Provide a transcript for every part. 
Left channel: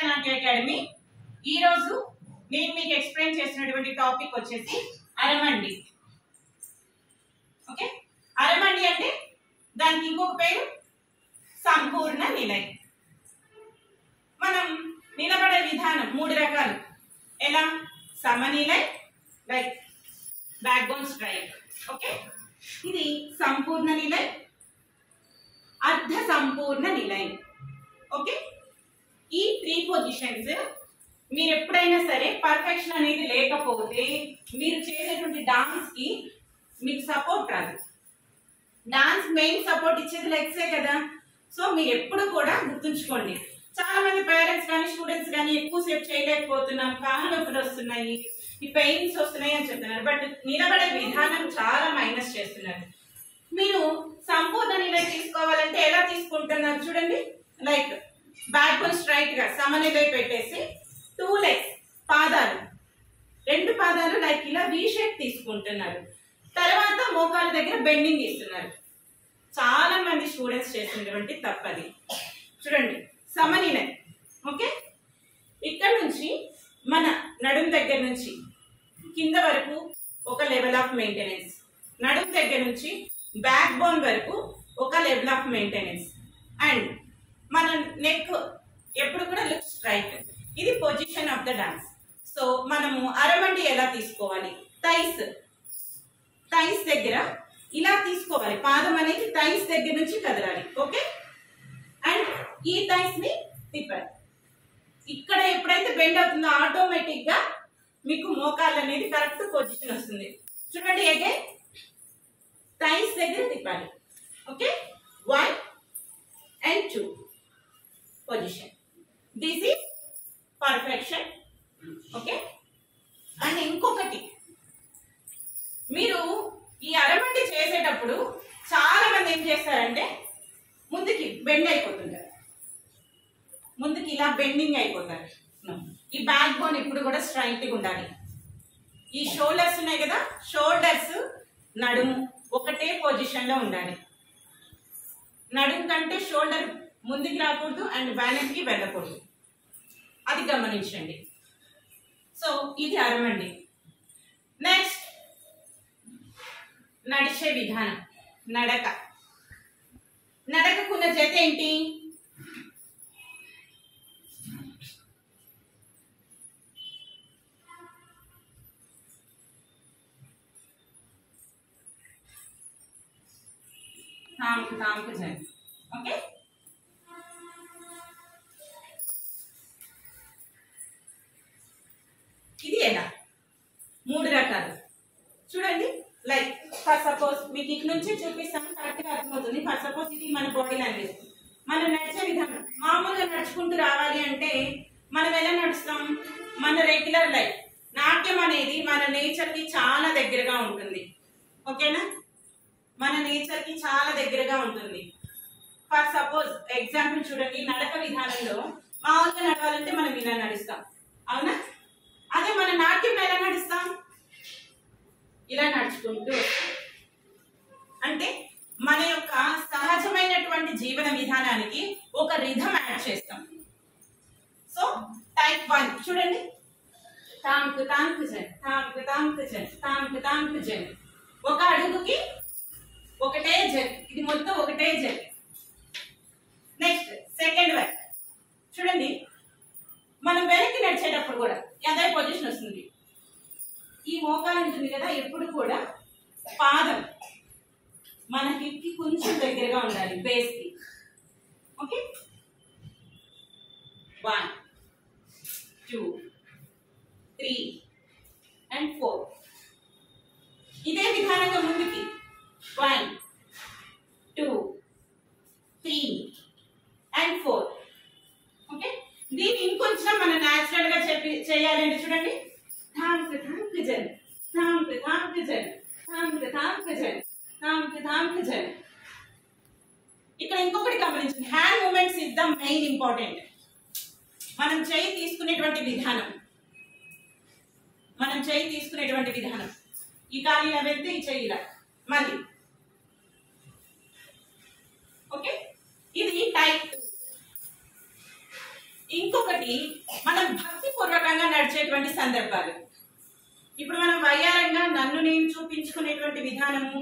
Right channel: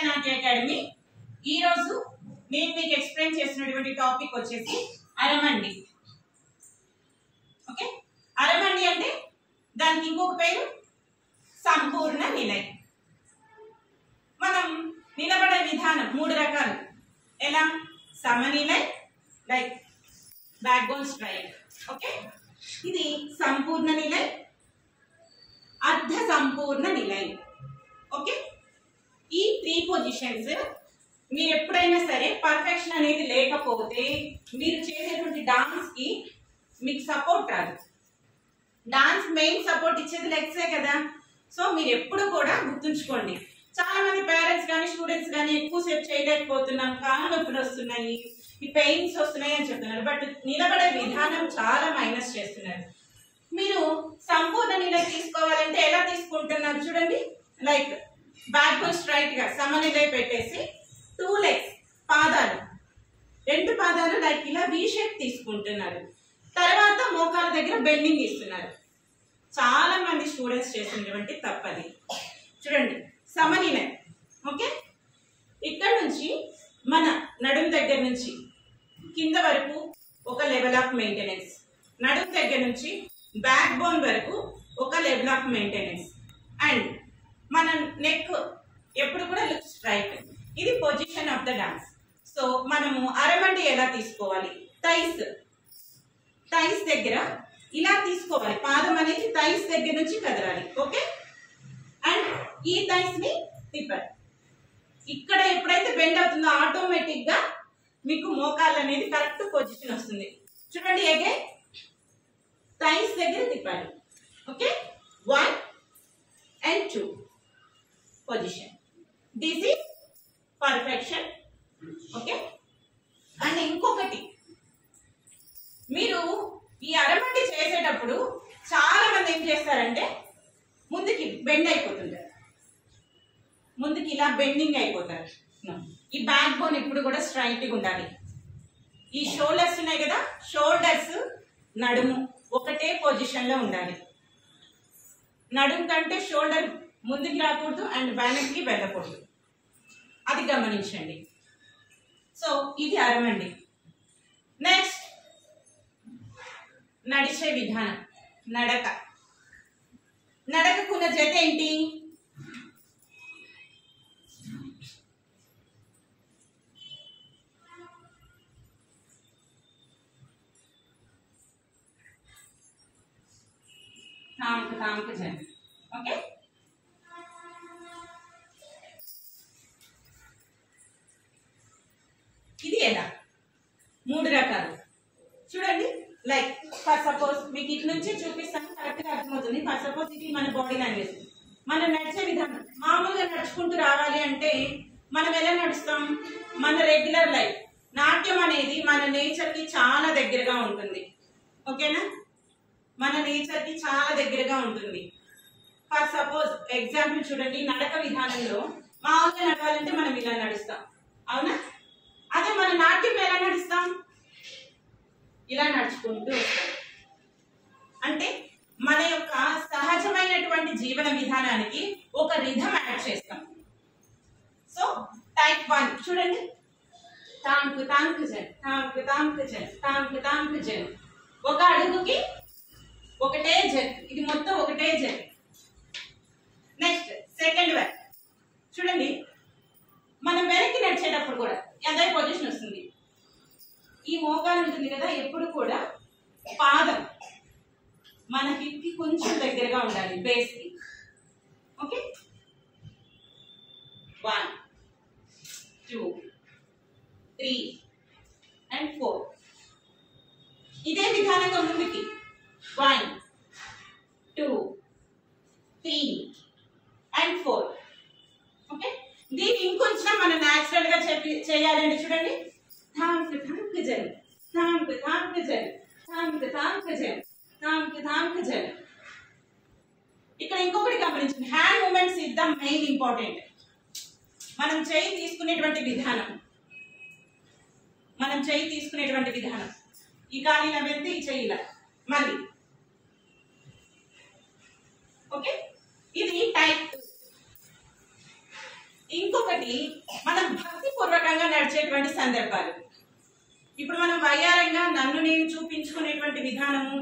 Bharatanatya academy. ఈ రోజు నేను మీకు ఎక్స్ప్లెయిన్ చేసినటువంటి టాపిక్ వచ్చేసి అరమండి. ఓకే, అరమండి అంటే దానికి ఇంకొక పేరు సంపూర్ణ నిలయం. మనం నిలబడే విధానం మూడు రకాలు. ఎలా? సమనిలై, like backbone strike. Okay, ఇది సంపూర్ణ నిలై, అర్ధ సంపూర్ణ నిలై. ఓకే, ఈ 3 పొజిషన్స్ మీరు ఎప్పుడైనా సరే పర్ఫెక్షన్ అనేది లేకపోతే మీరు చేసేటువంటి డాన్స్ కి మీకు సపోర్ట్ రాదు. డాన్స్ మెయిన్ సపోర్ట్ ఇచ్చేది లెగ్సే కదా. సో మీరు ఎప్పుడు కూడా గుర్తుంచుకోండి. చాలా మంది పేరెంట్స్ కానీ స్టూడెంట్స్ కానీ ఎక్కువసేపు చేయలేకపోతున్నాం, కాళ్ళు నొప్పులు వస్తున్నాయి, ఈ పెయిన్స్ వస్తున్నాయి అని చెప్తున్నారు. బట్ నిలబడే విధానం చాలా మైనస్ చేస్తున్నారు. మీరు సంపూర్ణ నిలయ తీసుకోవాలంటే ఎలా తీసుకుంటున్నారు చూడండి. లైక్ బ్యాక్ బోన్ స్ట్రైట్ గా సమనిలయ పెట్టేసి 2 లెగ్స్, పాదాలు, 2 పాదాలు లైక్ ఇలా వి షేప్ తీసుకుంటున్నారు. తర్వాత మోకాల దగ్గర బెండింగ్ ఇస్తున్నారు. చాలా మంది స్టూడెంట్స్ చేసినటువంటి తప్పది. చూడండి, సమనిలయ. ఓకే, ఇక్కడ నుంచి మన నడుం దగ్గర నుంచి కింద వరకు ఒక లెవెల్ ఆఫ్ మెయింటెనెన్స్, నడుం దగ్గర నుంచి బ్యాక్ బోన్ వరకు ఒక లెవెల్ ఆఫ్ మెయింటెనెన్స్, అండ్ మన నెక్ ఎప్పుడు కూడా లుక్ స్ట్రైట్. ఇది position of the dance. So మనము అరమండి ఎలా తీసుకోవాలి? థైస్ దగ్గర ఇలా తీసుకోవాలి. పాదం అనేది థైస్ దగ్గర నుంచి కదలాలి. ఓకే, అండ్ ఈ థైస్ ని తిప్పాలి. ఇక్కడ ఎప్పుడైతే బెండ్ అవుతుందో ఆటోమేటిక్ గా మీకు మోకాలు అనేది కరెక్ట్ పొజిషన్ వస్తుంది. చూడండి, అగైన్ థైస్ దగ్గర తిప్పాలి. Okay, 1 and 2 position. This is perfection. Okay, and ఇంకొకటి, మీరు ఈ అరమండి చేసేటప్పుడు చాలా మంది ఏం చేస్తారంటే ముందుకి బెండ్ అయిపోతుంటారు, ముందుకి ఇలా బెండింగ్ అయిపోతారు. ఈ బ్యాక్ బోన్ ఇప్పుడు కూడా స్ట్రైట్ గా ఉండాలి. ఈ షోల్డర్స్ ఉన్నాయి కదా, షోల్డర్స్ నడుము ఒకటే పొజిషన్ లో ఉండాలి. నడుము కంటే షోల్డర్ ముందుకి రాకూడదు అండ్ వెనక్కి వెళ్ళకూడదు. అది గమనించండి. సో ఇది అరమండి. నెక్స్ట్ నడిచే విధానం, నడక. నడకకున్న జత ఏంటి? తాంకు జత. ఓకే, ఇది ఎలా? 3 రకాలు. చూడండి, లైక్ ఫర్ సపోజ్ మీకు ఇటు నుంచి చూపిస్తాను, కరెక్ట్ గా అర్థమవుతుంది. ఫర్ సపోజ్ ఇది మన బాడీ లాంగ్వేజ్, మనం నడిచే విధానం. మామూలుగా నడుచుకుంటూ రావాలి అంటే మనం ఎలా నడుస్తాం? మన రెగ్యులర్ లైఫ్. నాట్యం అనేది మన నేచర్ కి చాలా దగ్గరగా ఉంటుంది. ఓకేనా? మన నేచర్ కి చాలా దగ్గరగా ఉంటుంది. ఫర్ సపోజ్ ఎగ్జాంపుల్ చూడండి, నడక విధానంలో మామూలుగా నడవాలంటే మనం ఇలా నడుస్తాం, అవునా? అదే మన నాట్యం ఎలా నడుస్తాం? ఇలా నడుచుకుంటూ వస్తాం. అంటే మన యొక్క సహజమైనటువంటి జీవన విధానానికి ఒక రిథం యాడ్ చేస్తాం. సో టైప్ 1 చూడండి, తాంకు తాంకు జన్, తాంకు తాంకు జన్, తాంకు తాంకు జన్. ఒక అడుగుకి ఒకటే జన్, ఇది మొత్తం ఒకటే జన్. నెక్స్ట్ సెకండ్ వన్ చూడండి, మనం వెనక్కి నడిచేటప్పుడు కూడా అదే పొజిషన్ వస్తుంది. ఈ మోకాలు ఉంటుంది కదా, ఎప్పుడు కూడా పాదం మన హిప్ కి కొంచెం దగ్గరగా ఉండాలి, బేస్ కి. Okay, 1 2 3 and 4. ఇదే విధానంగా ముందుకి 1 2 3 and 4. ఓకే, దీన్ని ఇంకొంచెం మనం న్యాచురల్ గా చేయాలండి. చూడండి, థాంక్ థాంక్ జన్, థాంక్ థాంక్ జన్, థాంక్ థాంక్ జన్, థాంక్ థాంక్ జన్. ఇక్కడ ఇంకొకటి గమనించండి, hand movements is the main important. మనం చేయి తీసుకునేటువంటి విధానం, ఈ కాలు ఇలా వెళ్తే ఈ చేయి ఇలా మళ్ళీ. ఓకే, ఇది టైప్ 2. ఇంకొకటి మనం భక్తిపూర్వకంగా నడిచేటువంటి సందర్భాలు. ఇప్పుడు మనం వయ్యారంగా నన్ను నేను చూపించుకునేటువంటి విధానము,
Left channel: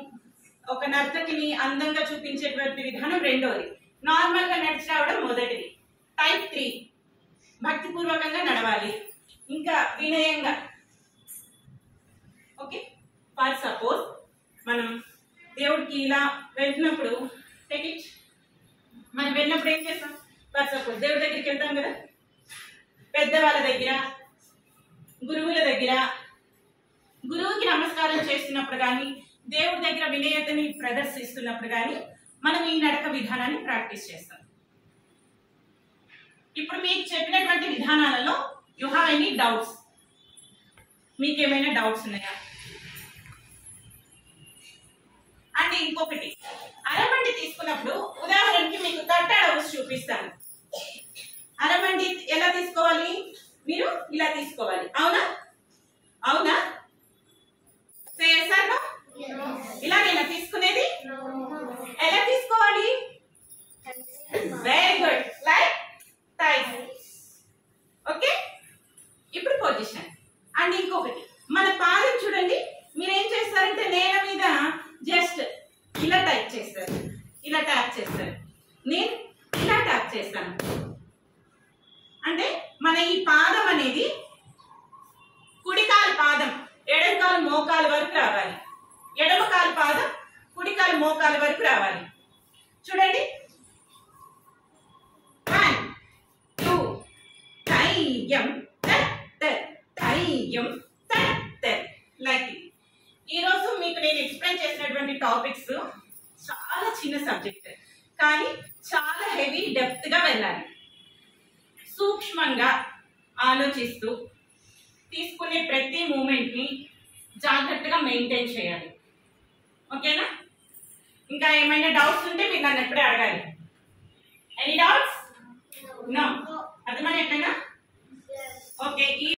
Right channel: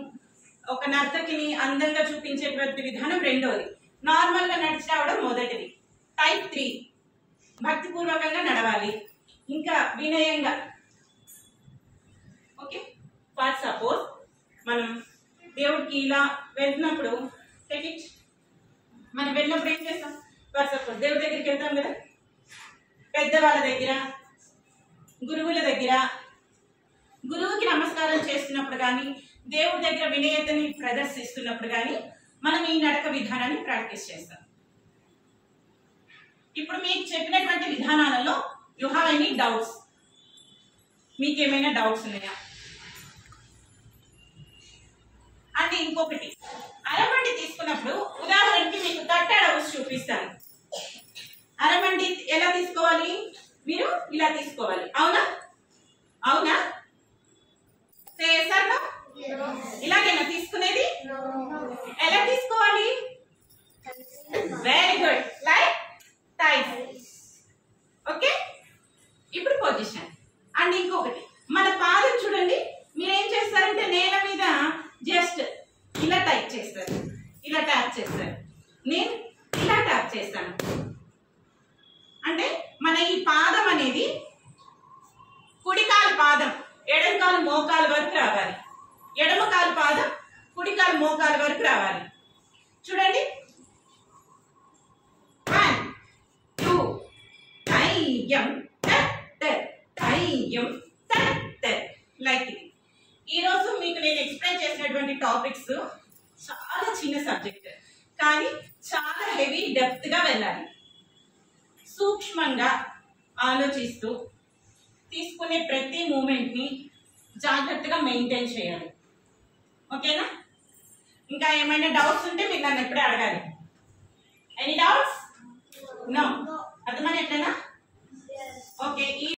ఒక నర్తకిని అందంగా చూపించేటువంటి విధానం రెండోది, నార్మల్ గా నడిచి రావడం మొదటిది. టైప్ 3 భక్తిపూర్వకంగా నడవాలి, ఇంకా వినయంగా. ఓకే, ఫర్ సపోజ్ మనం దేవుడికి ఇలా వెళ్తున్నప్పుడు మనం వెళ్ళినప్పుడు ఏం చేస్తాం? ఫర్ సపోజ్ దేవుడి దగ్గరికి వెళ్తాం కదా, పెద్దవాళ్ళ దగ్గర, గురువుల దగ్గర, గురువుకి నమస్కారం చేస్తున్నప్పుడు కానీ, దేవుడి దగ్గర వినయతని ప్రదర్శిస్తున్నప్పుడు కానీ మనం ఈ నడక విధానాన్ని ప్రాక్టీస్ చేస్తాం. ఇప్పుడు మీకు చెప్పినటువంటి విధానాలలో యు హ్యావ్ ఎనీ డౌట్స్? మీకేమైనా డౌట్స్ ఉన్నాయా? అంటే ఇంకొకటి, అరమండి తీసుకున్నప్పుడు ఉదాహరణకి మీకు తట్టాడ ఊసి చూపిస్తాను. అరమండి ఎలా తీసుకోవాలి? మీరు ఇలా తీసుకోవాలి, అవునా? అవునా? ఇలాగేనా తీసుకునేది? ఎలా తీసుకోవాలి? Very good, like టైస్. ఓకే, ఇప్పుడు పొజిషన్. అండ్ ఇంకొకటి, మన పాదం చూడండి, మీరేం చేస్తారంటే నేల మీద జస్ట్ ఇలా టైప్ చేస్తారు, ఇలా ట్యాప్ చేస్తారు, నేను ఇలా ట్యాప్ చేస్తాను. అంటే మన ఈ పాదం అనేది కుడికాలు పాదం ఎడమకాలు మోకాలు వరకు రావాలి, ఎడమకాలు పాదం కుడికాలు మోకాలు వరకు రావాలి. చూడండి, 1 2 ధైర్యం ధైర్యం లైక్ ఇది. ఈరోజు మీకు నేను ఎక్స్ప్లెయిన్ చేసినటువంటి టాపిక్స్ చాలా చిన్న సబ్జెక్ట్, కానీ చాలా హెవీ డెప్త్ గా వెళ్ళాలి. సూక్ష్మంగా ఆలోచిస్తూ తీసుకునే ప్రతి మూమెంట్ ని జాగ్రత్తగా మెయింటైన్ చేయాలి. ఓకేనా? ఇంకా ఏమైనా డౌట్స్ ఉంటే మీరు నన్ను ఎప్పుడే అడగాలి. Any doubts? నో.